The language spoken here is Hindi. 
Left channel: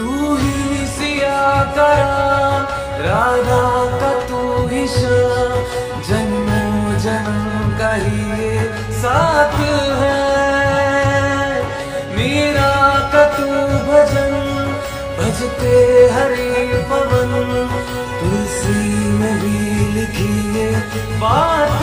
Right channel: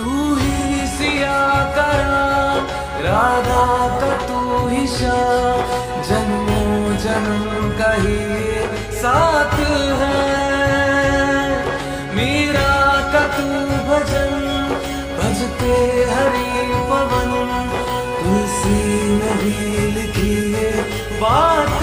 तू ही सिया करा राधा का तू ही शाह, जन्मों जन्म का ही ये साथ है। मीरा का तू भजन भजते हरि पवन, तुलसी में भी लिखी ये बात